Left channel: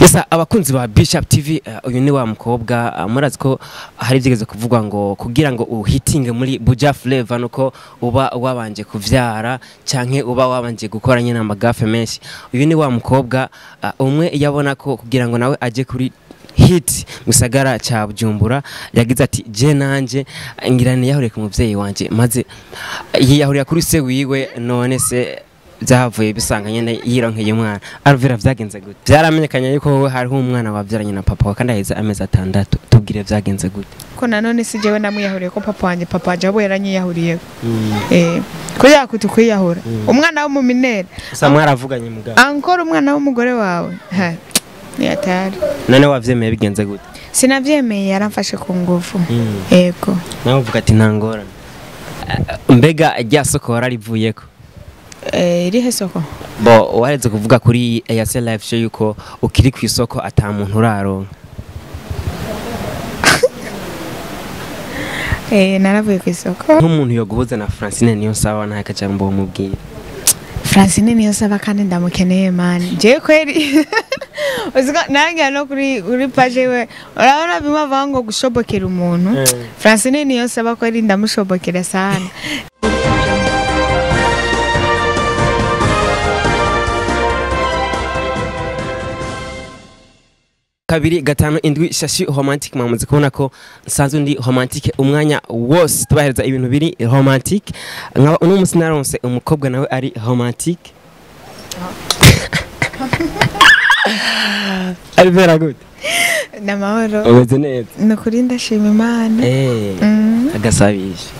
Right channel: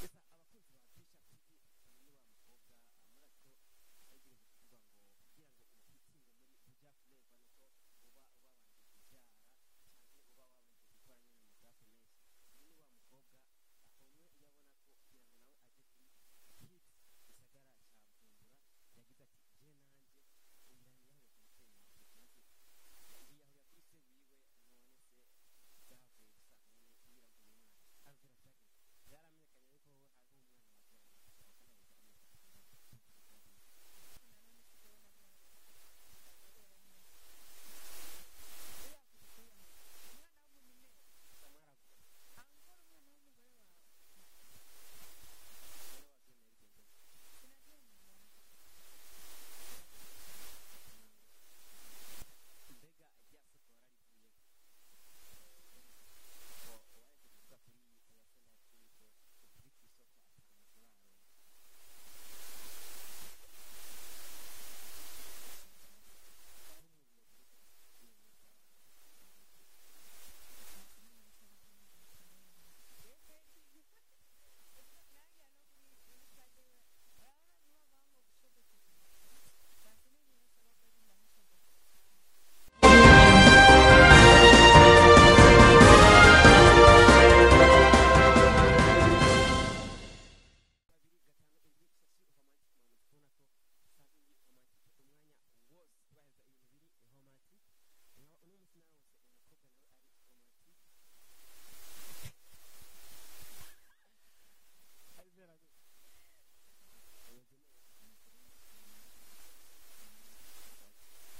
Yesa abakunzi ba Bishop TV uyu ni wa mukobwa murazi ko hari byigeze kuvugwa ngo kugira ngo uhitinge muri Buja Flavor nuko uba wabanje kuvyara canke uba wabanje gukora nyina amagafe menshi. Uyu ni wa mukobwa umwe yabona ko kugira ngo nawe aje kuri hit musagara cha Bujumbura yagize ati je nanje ngirane yahuriye ku muvyeyi wanje maze yahuriye kuri se wiwe none se zavuye bisanga nyene yironkeye umwana Alvella vyagenze gute byaramenyekanye yuko wowe hari umwana wavyaranye na papa kandi aheza amezi 6 tubwire vyagenze gute ko nanone si jewe namuyahuriye ko papa wanje abo yaranyiyahuriyeko ko yakutu kwiyahura umwana wo mu minere sa mwaravuganye mugabo ankora umwana w'umugore wawe ni atari none wavyemeye bigenze gute sinavyemeye yaramfashe ku nguvu yego nawe uvuga ati ntangora mbega rya soko wararivuyeko irihe soko bo wareze kuvuga kuri ASL live show yuko ukiri ku isoko ata muntu uraronka naravuye ku isoko nk'umuntu yogubuza na Francine niyo sawa nta kajambo mubwira Francine niyo saba kandi ndamukeneye man je kweri uzika nange no kuri page we urabona bimava ngo gushobokera umuntu Francine niyo saba kweri ndamushobokera sana kabiri gatano indwi shashi romantic mwamaze kubona ko nsanzwe ndi romantic umwanya wose tubahereza ibintu biri romantic nkaba uno musi naronse umukobwa nawe ari romantic Alvella good namahoro umeze neza nukuri ndashima Imana agasabisha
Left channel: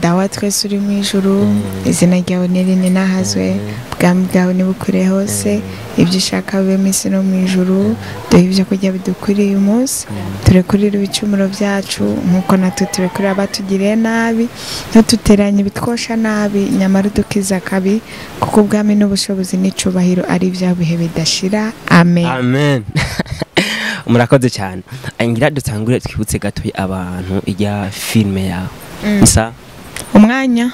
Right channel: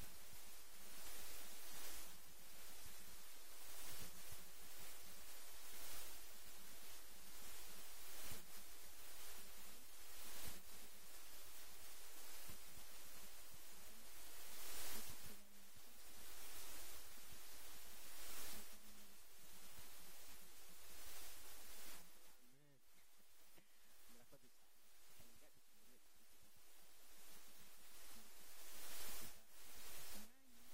dawa twese uri mu ijuru izina ryawe nirine nahazwe bwami bwawe nibukure hose ibyo ushaka bibe misi no mu ijuru duhe ibyo kurya bidukwiriye umunsi turekurire ibicumuro byacu nkuko natwe turekurira abatugiriye nabi ntututeranye bitwosha nabi nyamara udukiza kabi kuko ubwami n'ubushobozi n'icubahiro ari bya bihe bidashira amen amen murakoze cyane ngira dutangure twibutse gato abantu ijya filme yawe Nsa umwanya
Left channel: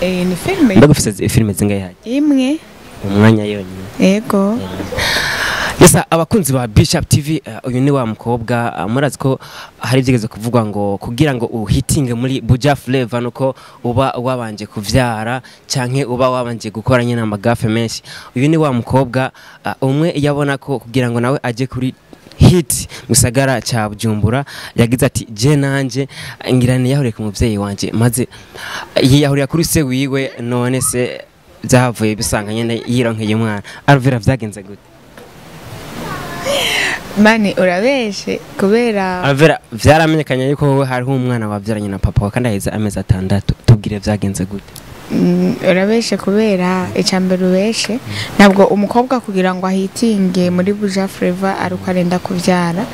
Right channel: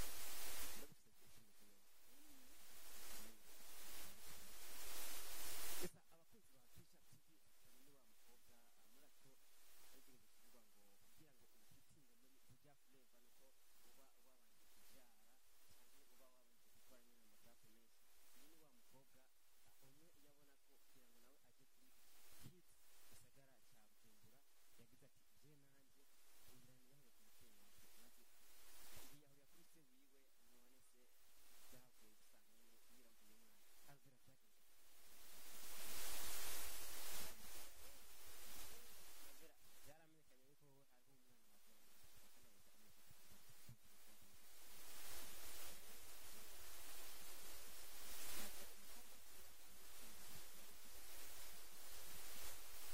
ni filme ndagufise filme zingaye haje imwe umwanya yonyine yego yesa abakunzi ba Bishop TV uyu ni wa mukobwa murazi ko hari byigeze kuvugwa ngo kugira ngo uhitinge muri Buja Flavor nuko uba wabanje kuvyara canke uba wabanje gukora nyina amagafe menshi. Uyu ni wa mukobwa umwe yabona ko kugira ngo nawe aje kuri hit musagara cha Bujumbura yagize ati je nanje ngirane yahuriye ku muvyeyi wanje maze yahuriye kuri se wiwe none se zavuye bisanga nyene yironkeye umwana Alvella vyagenze gute mani urabeshe kubera Alvella vyaramenyekanye yuko wowe hari umwana wavyaranye na papa kandi aheza amezi 6 tubwire vyagenze gute urabeshe kubera icambere ubeshe ntabwo umukobwa kugira ngo ahitinge muri Buja Flavor aruko arenda kuvyara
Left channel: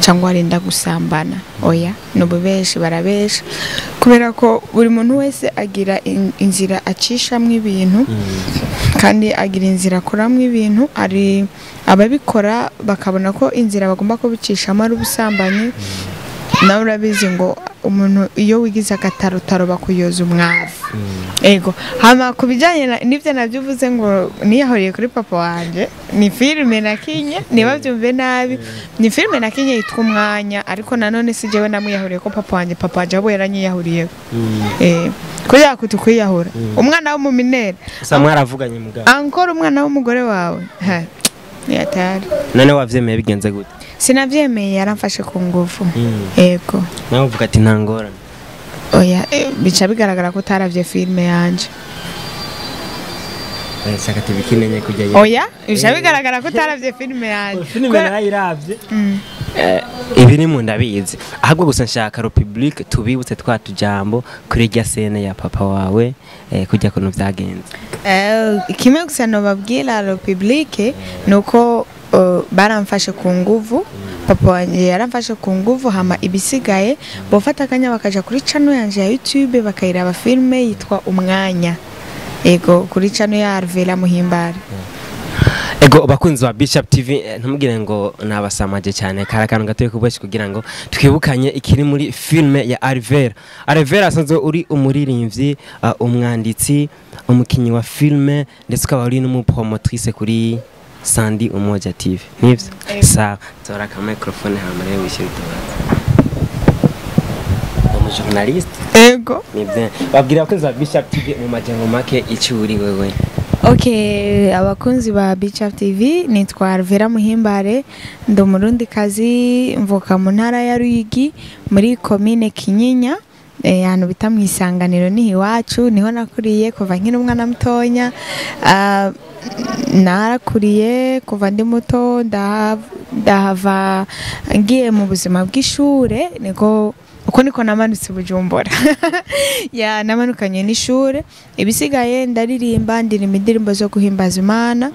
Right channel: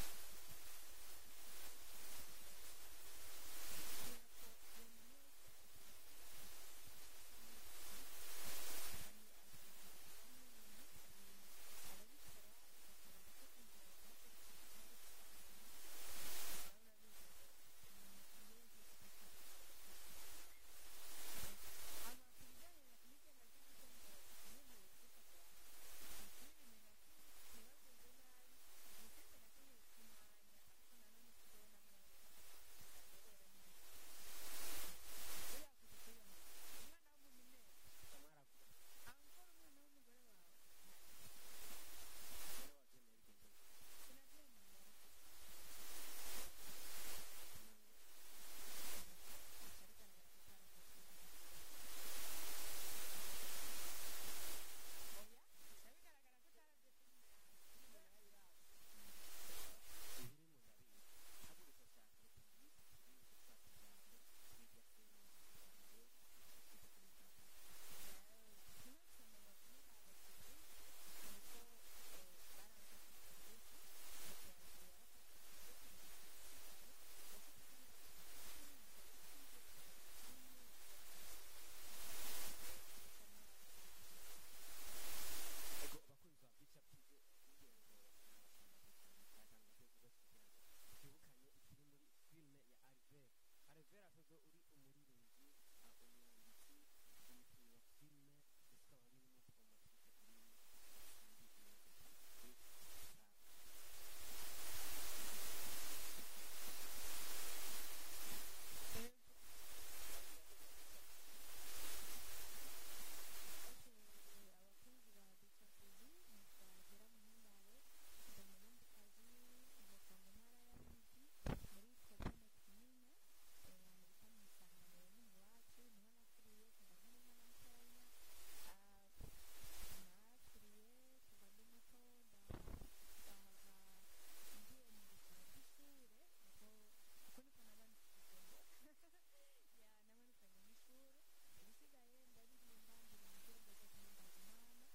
cyangwa arenda gusambana oya nububeshe barabeshe kubera ko buri muntu wese agira inzira acishamwe ibintu kandi agira inzira akoramwe ibintu ari ababikora bakabona ko inzira bagomba kubicishamo ari ubusambanyi nawe urabizi ngo umuntu iyo wigize akatarutaro bakuyoza umwavu ego hama kubijanye nivyo navyuvuze ngo niyahoriye kuri papa wanje ni filme nakinye niba byumve nabi ni filme nakinye yitwa umwanya ariko nanone si jewe namuyahuriye ko papa wanje abo yaranyiyahuriyeko ko yakutu kwiyahura umwana wo mu minere sa mwaravuganye mugabo ankora umwana w'umugore wawe ni atari none wavyemeye bigenze gute sinavyemeye yaramfashe ku nguvu yego nawe uvuga ati ntangora oya bica bigaragara ko taravye filme yanje saka tibikinenye kujya oya bica bigaragara ko taravye filme yanje filme narayiravye ibiri mu ndabizi ahubwo gusa nshaka Republic tubibutse twatujambo kuri rya scene ya papa wawe kujya kuno vyagenze kimwe gusa no babwira Republic nuko baramfashe ku nguvu papa wanje yaramfashe ku nguvu hama ibisigaye bofata akanya bakaja kuri channel yanje ya YouTube bakayiraba filme yitwa umwanya ego kuri channel ya Alvella Muhimbare ego bakunzi ba Bishop TV ntumugire ngo nabasamaje cyane karakano gatoye kubashye kugira ngo twibukanye ikiri muri filme ya Alvella asanzwe uri umuririmbyi umwanditsi umukinyi wa filme ndetse ukaba uri n'umupromotrice kuri Sandi Umoja TV nivyo sawa tora ka microphone hama rero wishyira tubaza journalist ego nivyo babwira abakunzi ba Bishop TV mu majengo make icuri wewe. Okay, abakunzi ba Bishop TV nitwa Alvella Muhimbare ndo Murundi kazi mvuka mu ntara ya Ruyigi muri commune Kinyinya hano bita mu Isanganiro ni iwacu niho nakuriye kuva nkiri umwana mutonya narakuriye kuva ndi muto ndahava ngiye mu buzima bw'ishure niko namanutse Bujumbura ya namanukanye n'ishure ibisigaye ndaririmba ndirimba indirimbo zo guhimbaza Imana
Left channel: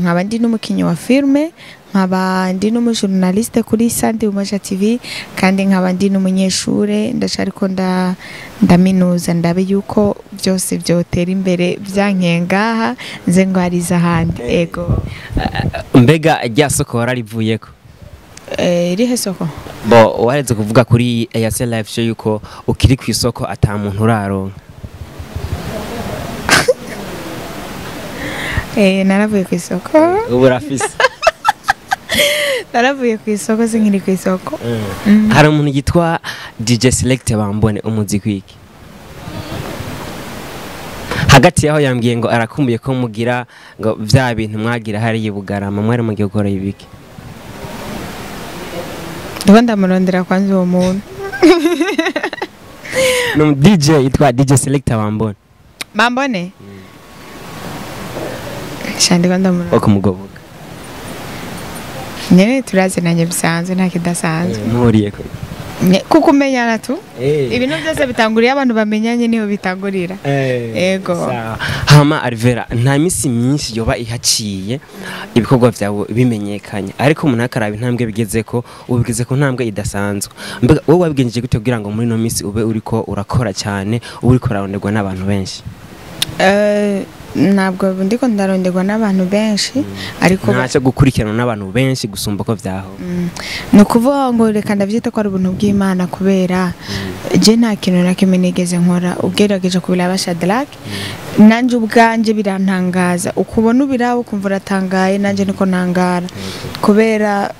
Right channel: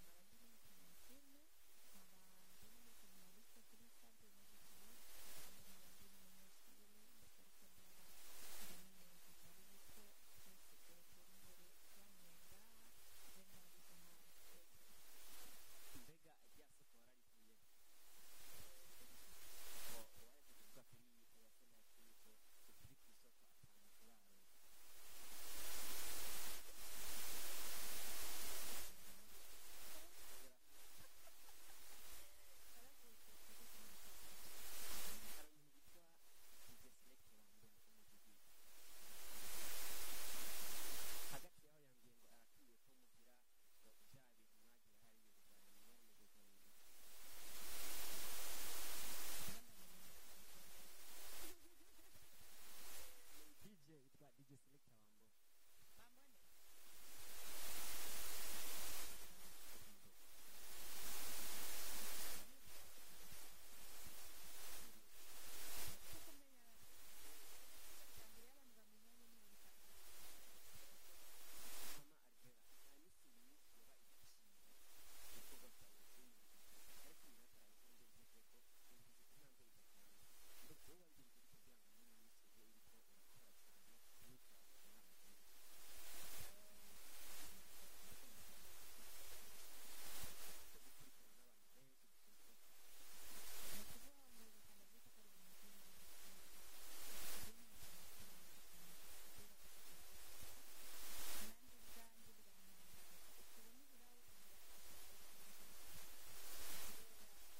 nkaba ndi n'umukinyi wa filme nkaba ndi n'umujournaliste kuri Sandi Umoja TV kandi nkaba ndi n'umunyeshure ndacariko ndaminuza ndabe yuko byose byotera imbere byankengaha nze ngwariza handi ego mbega rya soko wararivuyeko irihe soko bo wareze kuvuga kuri Airtel Live show yuko ukiri ku isoko ata muntu uraronka naravuye ku isoko ubu rafise naravuye ku isoko sinkiri ku isoko hari umuntu yitwa DJ Select bambone umuziki wiki hagati yaho yambwiye ngo arakumbuye ko mugira ngo vya bintu mwagira hari Bugarama mwari mugiye gukora ibiki ndabanda murondera kwanza uwo muntu no DJ yitwa DJ Select bambone shandi kwanda murondera okumugoboka nyene turazinanye bisanzwe nta kidasanzwe muriyeko kuko umenyana tu ibintu byose bitanguriye abantu bamenyanye niho bitangurira ego hama Alvella nta misi myinshi yoba ihaciye ibikorwa byawe bimenyekanye ariko umuntu akaraba intambwe bigezeko ubigeze ku ntambwe idasanzwe mbega wowe wabigenjeje gute kugira ngo muri no misi ube uriko urakora cyane uriko uraronderwa n'abantu benshi ntabwo ndiko ndaronderwa n'abantu benshi ariko ntacyo gukurikirana n'abantu benshi gusumba ko vyaho nukuvuga ngo reka ndavyita ko ari ubuntu bw'Imana kubera je nta kintu nakimwe nigeze nkora ugerageje kubiraba Shadrack nanje ubwanje birantangaza ukubona ubirabo kumva uratangaye nanje niko ntangara kubera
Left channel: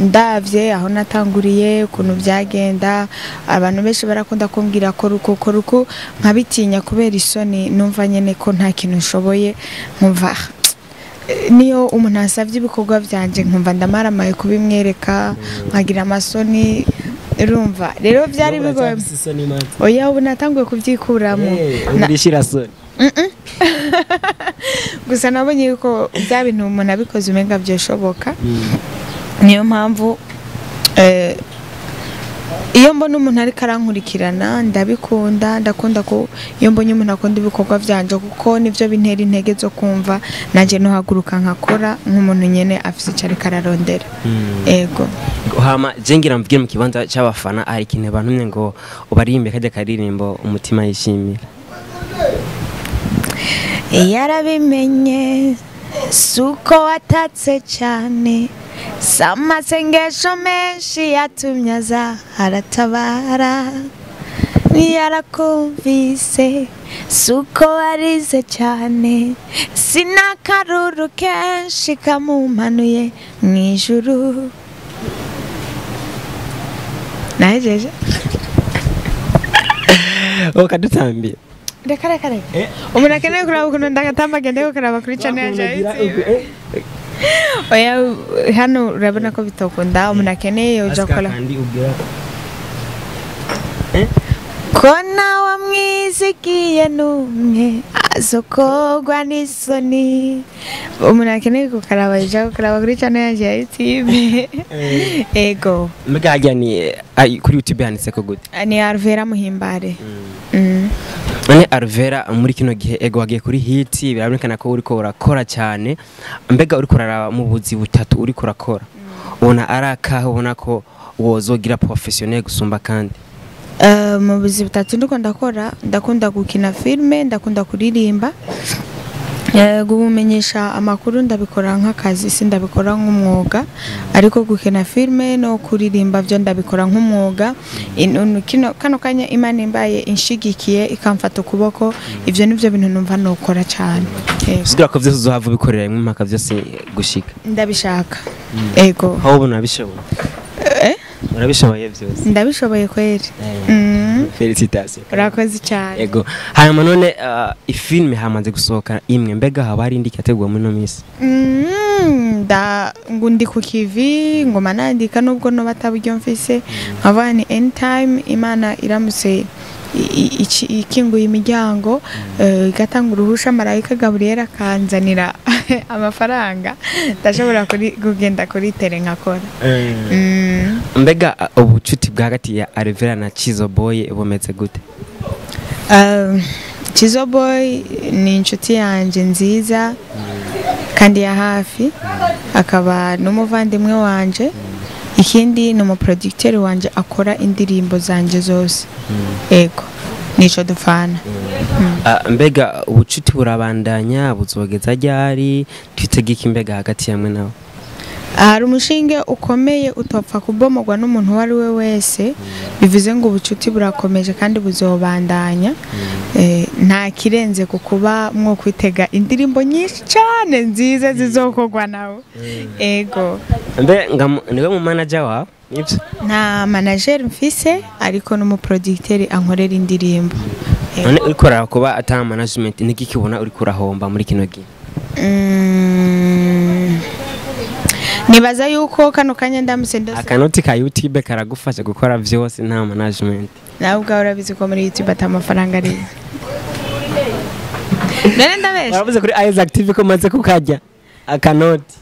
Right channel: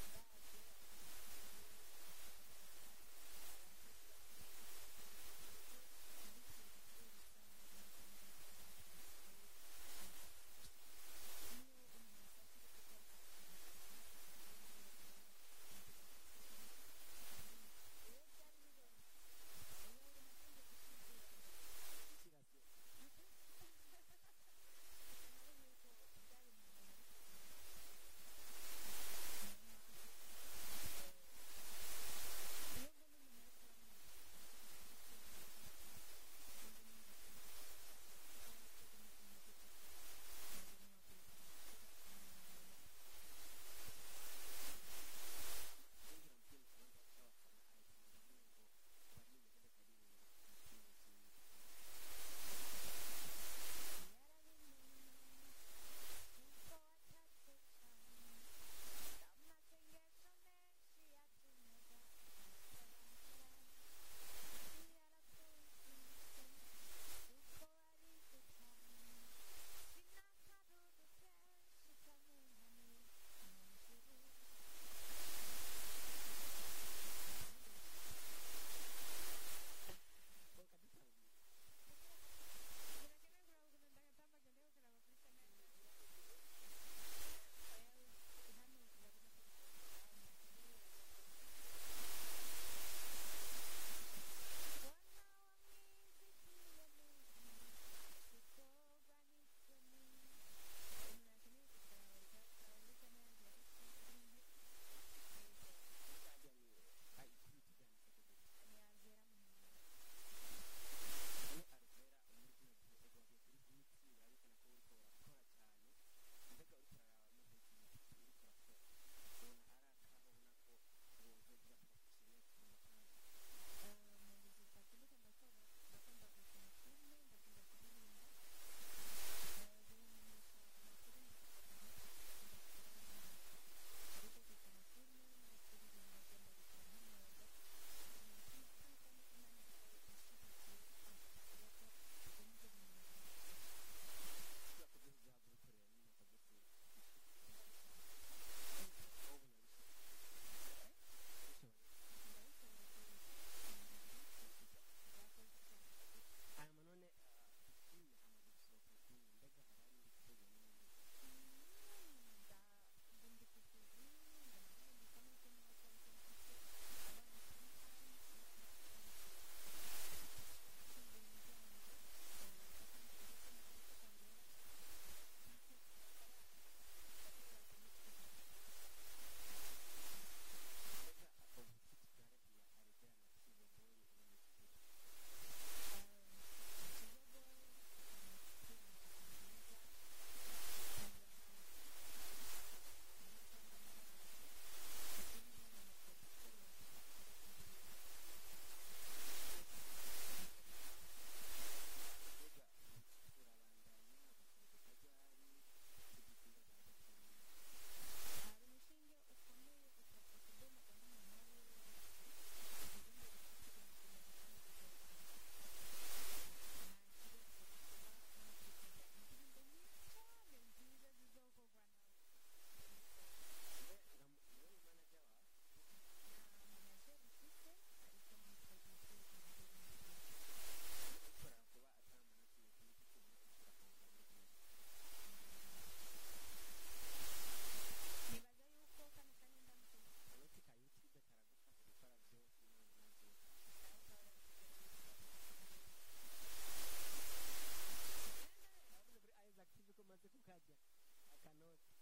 ndavye aho natanguriye ukuntu byagenda abantu benshi barakunda kumbwira ko ruko nkabitinya kubera isoni numva nyene ko nta kintu nshoboye nkumva niyo umuntu asavye ibikorwa byanje nkumva ndamaramaye kubimwereka nkagira amasoni urumva rero byari bigoye oya ubu natanguye kubyikuramo ndishira soni gusa nabonye yuko bya bintu umuntu abikoze umenga byoshoboka niyo mpamvu iyo mbona umuntu ari karankurikirana ndakunda ko iyo mbonye umuntu akunda ibikorwa byanje kuko nivyo bintera intege zo kumva nanje no haguruka nkakora nk'umuntu nyene afise cyari kararondera ego hama jengira mvugire mu kibanza cy'abafana ari kintu abantu ngo ubarimbe kajya karirimbo umutima yishimira yarabimenye suko watatse cyane samasengesho menshi yatumye aza haratabara yarakumvise suko warize cyane sinakaruru kenshi kamumanuye mwijuru najeje okadutambiye reka umuntu akeneye kuraba ukuntu ndagatamba agende gukaraba kuri channel yaje oya hano urabona ko bitokunda umuntu akeneye uja kola kona wamwizigiye numwe azokogwa n'isoni umuntu akeneye gukaraba uja gukaraba kuri channel yaje ya YouTube ego mbega hajya ni kuri YouTube handitse ko gute ni Alvella Muhimbare none Alvella muri kino gihe ego wagiye kuri hit birabonekana ko uriko urakora cyane mbega uriko uraraba mu buzi butatu uriko urakora ubona araka ubona ko wozogira professionnel gusumba kandi mu buzi butatu ndiko ndakora ndakunda gukina filme ndakunda kuririmba gumenyesha amakuru ndabikora nk'akazi sindabikora nk'umwuga ariko gukina filme no kuririmba byo ndabikora nk'umwuga kano kanya Imana imbaye inshigikiye ikamfata ukuboko ivyo nivyo bintu numva nokora cyane usigira ko vyose uzohava bikorera imwe mpaka vyose gushika ndabishaka ego aho ubona bishoboye urabishoboye vyose ndabishoboye kweri Félicitations. Urakoze cyane. Yego. Hanyuma none ifilme hamaze gusohoka imwe mbega haba ari indi kategwa muri no misi. Ngundi ku kivi ngoma nandika nubwo no batabujyo mfise nkavani anytime Imana iramuse ikinguye imiryango igatanga uruhusha marayika Gabriel kanzanira amafaranga ndashobora kugenda kuri tere nkakora. Mbega ubucuti bwa hagati ya Alvella na Chizo Boy bumeze gute? Chizo Boy ni inshuti yanje nziza kandi ya hafi akaba n'umuvandimwe wanje ikindi ni umuproducteur wanje akora indirimbo zanje zose ego nico dufana. Mbega ubucuti burabandanya buzogeza ryari twitegeka imbega hagati yamwe nawe? Hari umushinge ukomeye utopfa kubomogwa n'umuntu wari we wese bivuze ngo ubucuti burakomeje kandi buzobandanya nta kirenze kukuba mwo kwitega indirimbo nyinshi cyane nziza zizokorwa nawe ego. Mbe niwe mu manager wawe? Nta manager mfise ariko n'umuproducteur ankorera indirimbo. None urikora kuba ata management niki kibona uri kurahomba muri kino gihe? Nibaza yuko kano kanya ndamusendo akanoti ka YouTube karagufasha gukora vyose nta management. Nawe ubwawe urabizi ko muri YouTube atamafaranga ari. Nene ndabesha. Waravuze kuri Isaac TV ko maze kukajya akanoti.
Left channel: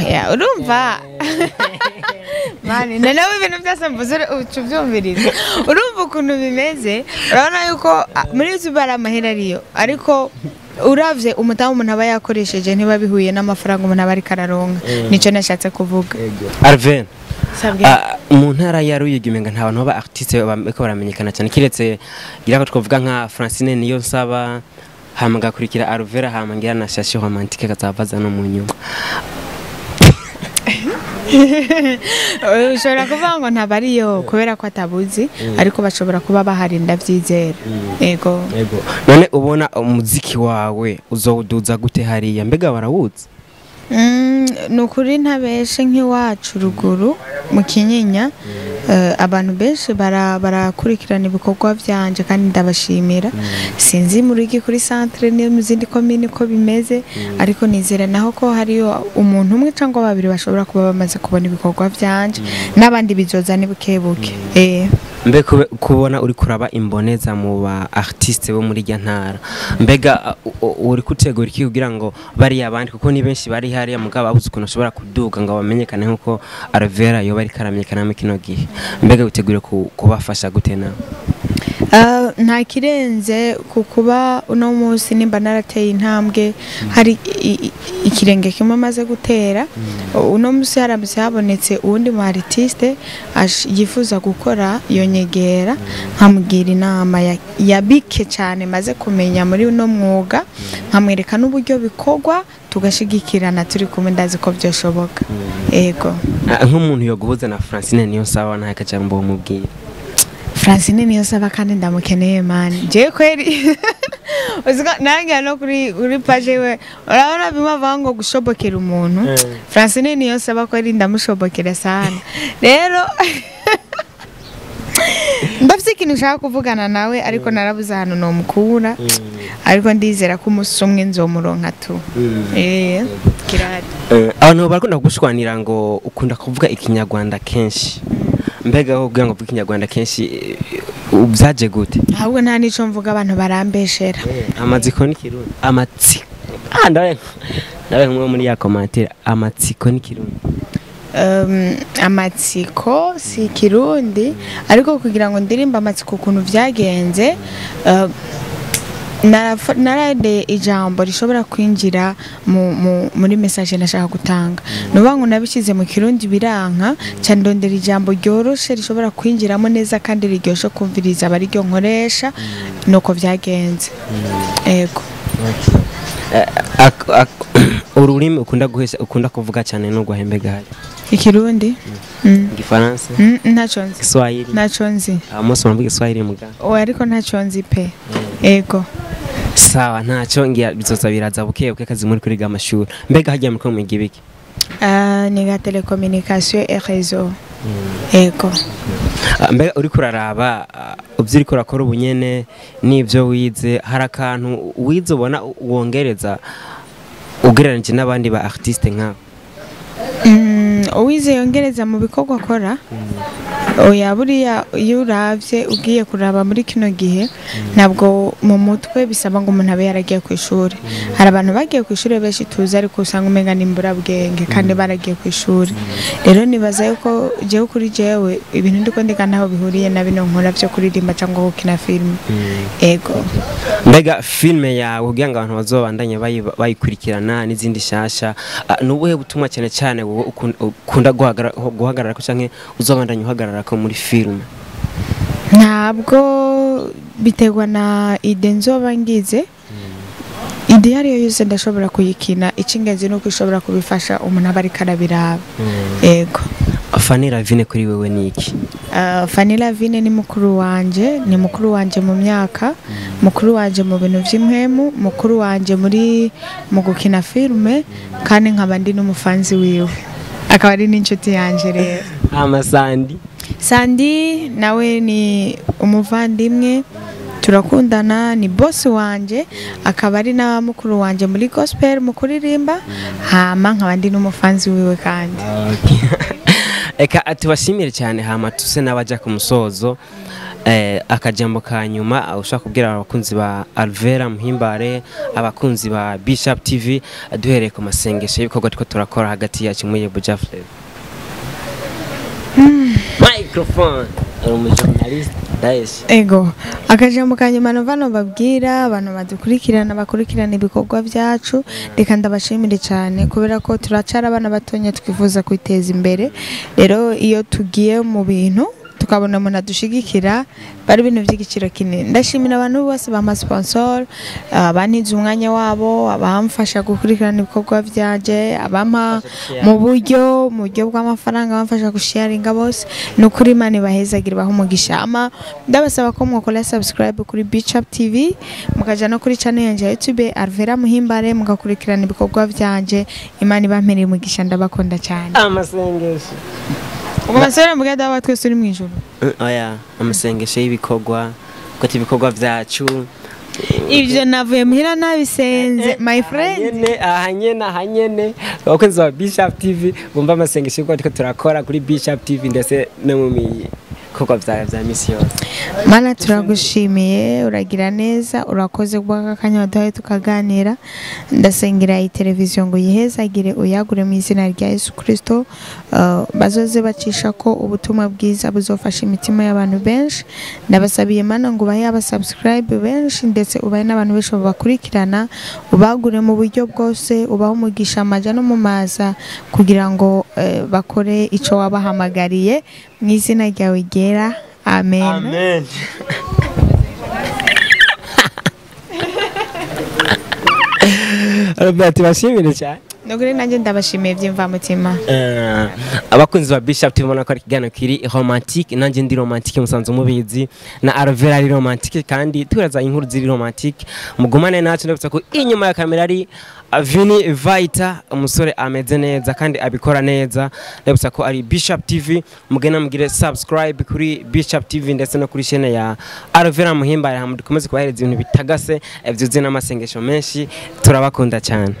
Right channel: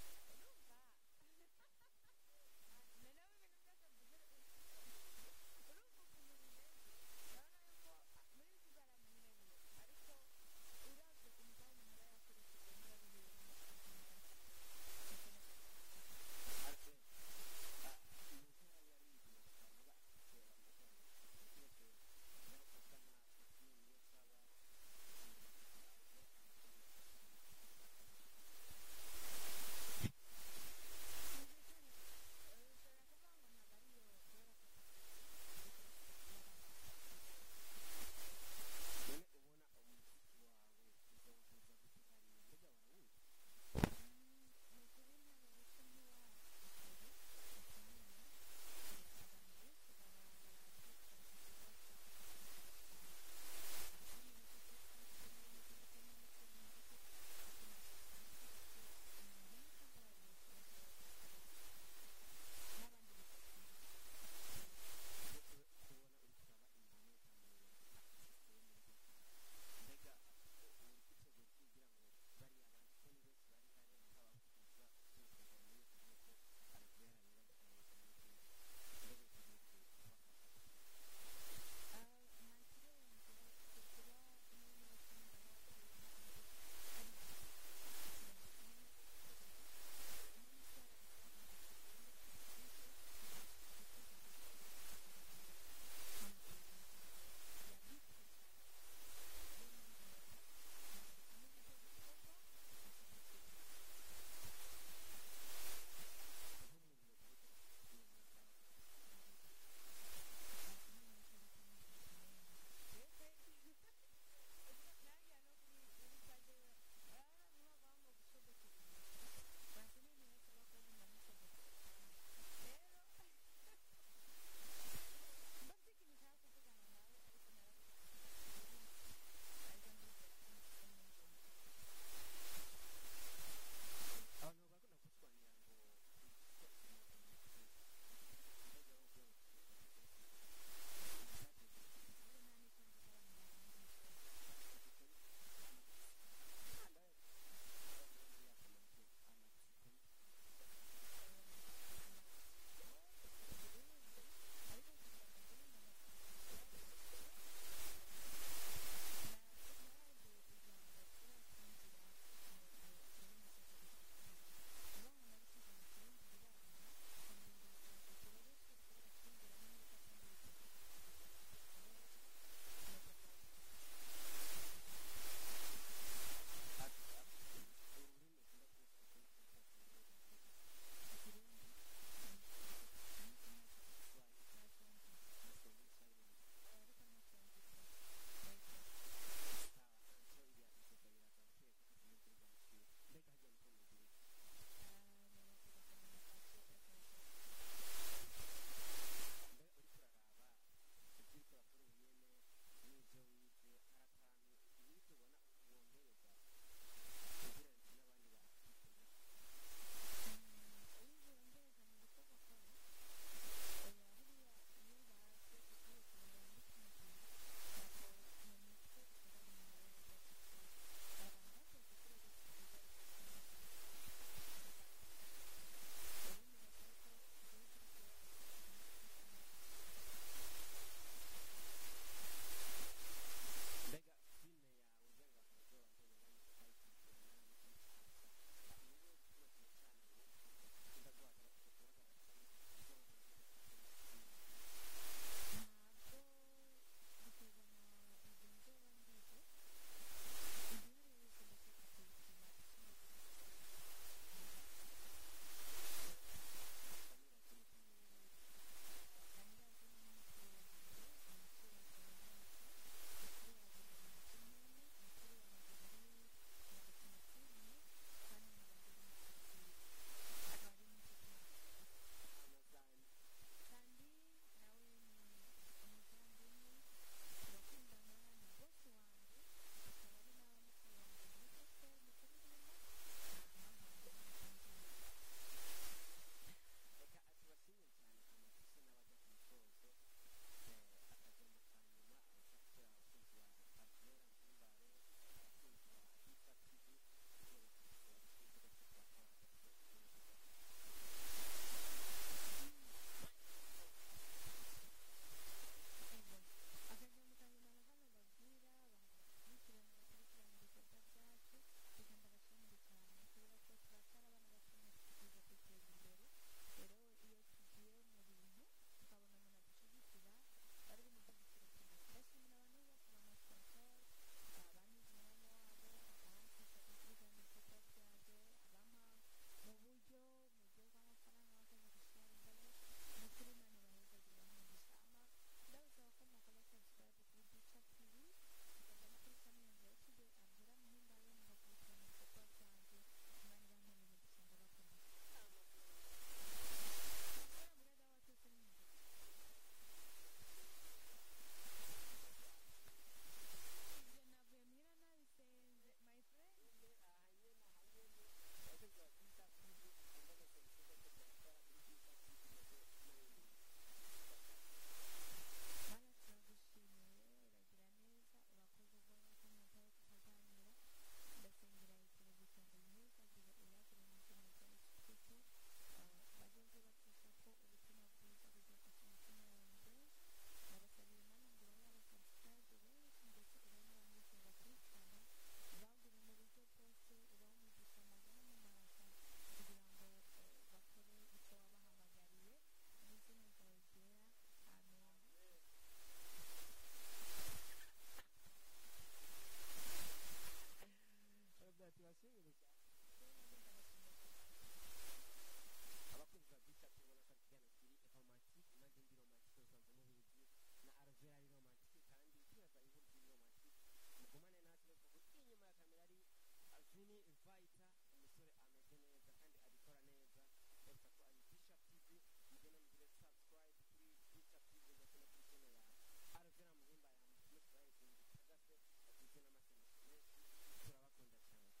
Oya urumva. Mani nawe ibintu byose mvuze ucuvyumviriza. Urumva ukuntu bimeze urabona yuko muri YouTube ari amahera ariyo ariko uravye umutamu umuntu aba yakoresheje ntiba bihuye n'amafaranga umuntu aba ari kararonka nico nashatse kuvuga. Alvella mu ntara ya Ruyigi menga nta bantu baba artiste bako baramenyekana cyane kiretse gira ko twavuga nka Francine niyo nsaba hamaga kurikira Alvella hamangira na Shashi romantique katavaza no mu nyuma. Ushobora kuvuga ngo ntabariyo kubera ko atabuzi ariko bashobora kuba bahari ndavyizera. Ego. None ubona umuziki wawe uzowuduza gute hariya mbega barawuzi? Nukuri ntabeshe nk'iwacu ruguru mu Kinyinya abantu benshi barakurikirana ibikorwa byanje kandi ndabashimira sinzi muri iki kuri centre ne mu zindi commune ko bimeze ariko nizera naho ko hariyo umuntu umwe cyangwa babiri bashobora kuba bamaze kubona ibikorwa byanje n'abandi bizoza ni bukebuke. Mbe kubona uri kuraba imboneza mu ba artiste bo muri ntara mbega uri kutegura iki kugira ngo bari abandi kuko ni benshi bari hariya mugabo abuze ukuntu ashobora kuduga ngo bamenyekane nkuko Alvella yo bari karamenyekana mu kino gihe mbega utegure kubafasha gute nawe? Nta kirenze kukuba uno munsi nimba narateye intambwe hari ikirenge kimwe maze gutera uno munsi haramutse habonetse uwundi mu artiste yifuza gukora yonyegera nkamugira inama yabike cyane maze kumenya muri uno mwuga nkamwereka n'uburyo bikorwa tugashigikirana turi kumwe ndazi ko byoshoboka. Ego. Nk'umuntu yo guhuza na Francine niyo sawa nta kajambo mubwira? Francine niyo saba kandi ndamukeneye mani je kweri uzika nange no kuri page we urabona bimava ngo gushobokera umuntu Francine niyo saba kweri ndamushobokera sana rero ndafite ikintu ushaka kuvugana nawe ariko narabuze ahantu no mukura ariko ndizera ko umusumwe nzomuronka tu kirari abantu barakunda kugushwanira ngo ukunda kuvuga ikinyarwanda kenshi mbega aho kugira ngo uvuge ikinyarwanda kenshi ubyaje gute? Ahubwo nta nico mvuga abantu barambeshera amatsiko n'ikirundi amatsiko ndawe nk'umwe muri ya commentaire amatsiko n'ikirundi amatsiko si kirundi ariko kugira ngo ndirimba amatsiko ukuntu byagenze narade ijambo rishobora kwinjira muri message nashaka gutanga nubango nabishize mu kirundi biranka cyane ndondera ijambo ryoroshe rishobora kwinjiramo neza kandi riryoshe kumviriza bari ryo nkoresha nuko byagenze. Ego. ururimi ukunda kuvuga cyane no guhembe gahe Ikirundi Igifaransa ntaco nzi Kiswahili ntaco nzi mose muravuga Kiswahili muga ariko ntaco nzi pe ego sawa ntacyo ngira bizoza biraza bukebuke kazi muri kuri amashuri mbega hagiye muri mu gibiki ni ga télécommunication et réseau ego mbega uri kuraraba ubyo uri kurakora ubunyene n'ibyo wize hari akantu wize ubona wongereza ugereranije n'abandi ba artiste nk'abo uwize yongereza mu bikorwa akora oya buriya iyo uravye ugiye kuraba muri kino gihe ntabwo mu mutwe bisaba ngo umuntu abe yaragiye ku ishuri hari abantu bagiye ku ishuri benshi tuzi ariko usanga umenga nimbura bwenge kandi baragiye ku ishuri rero nibaza yuko jewe kuri jewe ibintu ndiko ndika ntaho bihuriye na bino nkora byo kuririmba cyangwa gukina film ego mbega filme yawe kugira ngo abantu bazobandanye bayikurikirana n'izindi shasha nubuhe butumwa cyane cyane wowe ukunda guhagarara ko canke uzobandanye uhagarara ko muri film ntabwo biterwa na ide nzoba ngize ide yariyo yose ndashobora kuyikina icingenzi nuko ishobora kubifasha umuntu aba ariko arabiraba ego Fanny Lavine kuri wewe niki Fanny Lavine ni mukuru wanje mu myaka mukuru wanje mu bintu vy'impwemu mukuru wanje mu gukina filme kandi nkaba ndi n'umufanzi wiwe akaba ari n'inshuti yanje rero Sandi nawe ni umuvandimwe turakundana ni boss wanje akaba ari na mukuru wanje muri gospel mu kuririmba hama nkaba ndi n'umufanzi wiwe kandi eka atubashimire cyane hama tuse n'abaja ku musozo akajambo kanyuma ushaka kubwira abakunzi ba Alvella Muhimbare abakunzi ba Bishop TV duhereye ku masengesho y'ibikorwa tiko turakora hagati yacu muri Buja Flavor microphone umujournalist Daesh ego akajambo kanyuma novano babwira abantu bakurikirana ibikorwa byacu reka ndabashimire cyane kubera ko turacara abana batonya twifuza kwiteza imbere rero iyo tugiye mu bintu tukabona umuntu adushigikira bari ibintu by'igiciro kinini ndashimira abantu bose bama sponsor abantize umwanya wabo abamfasha gukurikirana ibikorwa byaje abampa mu buryo bw'amafaranga bamfasha gusharinga bose nukuri Imana ibahezagira baho umugisha ndabasaba ko mwakora subscribe kuri Bishop TV mukaja no kuri channel yanje ya YouTube Alvella Muhimbare mugakurikirana ibikorwa byanje Imana ibampereye umugisha ndabakunda cyane amasengesho Umasere mugada abatwe suri mwijuru oya amasengesho y'ibikorwa ko ibikorwa byacu ivyo navuye muhira nabisenze my friend ahanyene abakunzi ba Bishop TV bumva amasengesho y'uko turakora kuri Bishop TV ndetse no mu bikorwa vya misi yose Mana turagushimiye uragira neza urakoze kubaka kanya waduhaye tukaganira ndasengera iyi televiziyo ngo yihezagire uyagure mu izina rya Yesu Kristo bazoze bacisha ko ubutumwa bwiza buzofasha imitima y'abantu benshi ndabasabiye Mana ngo bahe abasubscribe benshi ndetse ubaye n'abantu benshi bakurikirana ubagure mu buryo bwose ubaho umugisha amaja no mu maza kugira ngo bakore ico wabahamagariye mu izina ryawe ryera amen Robert bashimire cyane Nogure nanje ndabashimiye by'imvamutima abakunzi ba Bishop TV mona ko ari kigano kiri romantique nanje ndi romantique musanze umubizi na Alvella ari romantique kandi turaza inkuru ziri romantique mugumane nacu ndabutsa ko inyuma ya kamera ari Vini Vita umusore ameze neza kandi abikora neza ndabutsa ko ari Bishop TV mugena mugire subscribe kuri Bishop TV ndetse no kuri chaîne ya Alvella Muhimbare hamudukomeze kubahereza ibintu bitagase byuzuye n'amasengesho menshi turabakunda cyane